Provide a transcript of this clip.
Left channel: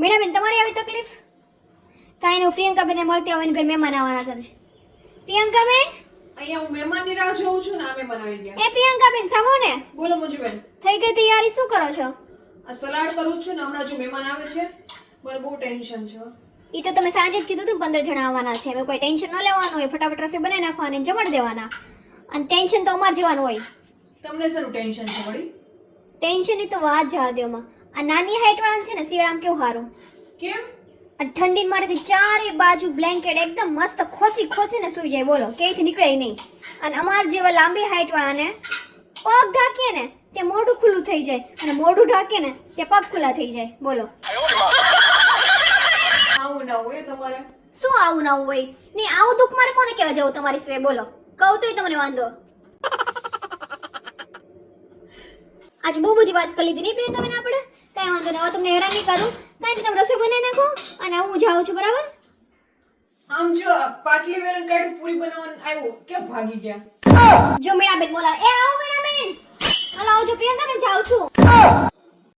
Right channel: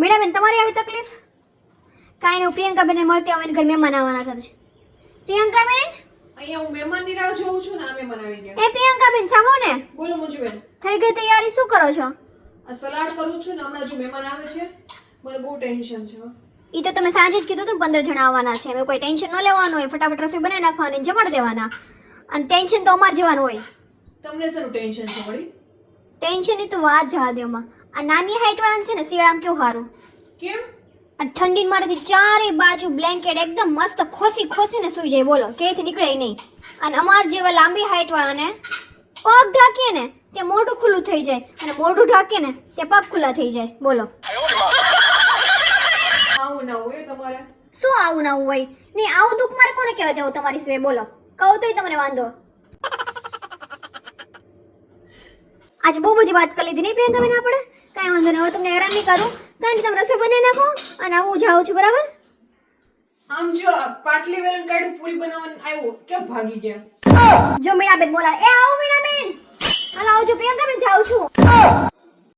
મીણાબેન તમારી આવી તકલીફ? કાંઈ નહીં પ્રિયંકાબેનને મળતી આવે ઘર મહેમાન આવવાના સાથે પ્રિયંકાબેન? અહીંયા હું મહેમાનની રાહ જોઉં છું ને આ મહેમાન આવી ગયા. એ પ્રિયંકાબેન સામો ને. બોલો મંજુબેન. થઈ ગઈ તૈયારી શું કરો છો? આ સલાડ કરું છું ને હમણાં જો મહેમાન આવે છે મારે બહુ ટેન્શન છે. એ તો તમે સાંજે જ કીધું હતું પંદર જણા આવવાના છે. હવે કોઈ ટેન્શન ન લેવાનું હોય ફટાફટ રસોઈ બનાવી નાખવાની જમાડ દેવાના. અને ટેન્શન તો અમારે જેવાનું હોય. તમને શેનું ટેન્શન છે વળી? ટેન્શનની તો વાત જવા દ્યોમાં આ નાની હાઈટ વાળા છે ને શિયાળામાં કેવું સારું? કેમ? આ ઠંડી મારેથી ચારે બાજુ બ્લેન્કેટ એકદમ મસ્ત ખોસી ખોસીને સુઈ જાય બોલો ક્યાંયથી નીકળે નહીં. અને અમાર જેવા લાંબી હાઈટ વાળાને પગ ઢાંકીએ ને તે મોઢું ખુલ્લું થઈ જાય અને મોઢું ઢાંકીએ ને તે પગ ખુલ્લા થઈ જાય બોલો. આવું ના હોય તમારે. શું આવું ના હોય? નહીં આવું દુઃખ મારે કોને કહેવા જવું તમારી સિવાય બોલો. કહું તોય તમને વાંધો. આજે બહુ બધી વાત કરી લીધી. નહીં પ્રિયંકા બેન આપણે? કાંઈ વાંધો નહીં. હવે તમને હેરાન નહીં કરું. કાંઈ નહીં તમે રસોઈ બનાવી નાખો અને હું જાઉં છું બરાબર? આમ જો પાટલી વેલણ કાઢું પૂરી બનાવવાનું આવ્યું. કે ભાગી ગયા? જો મીણાબેન બોલા એ આવો મીણાબેન. હાલો આવજો પ્રિયંકા બેન જાઉં છું.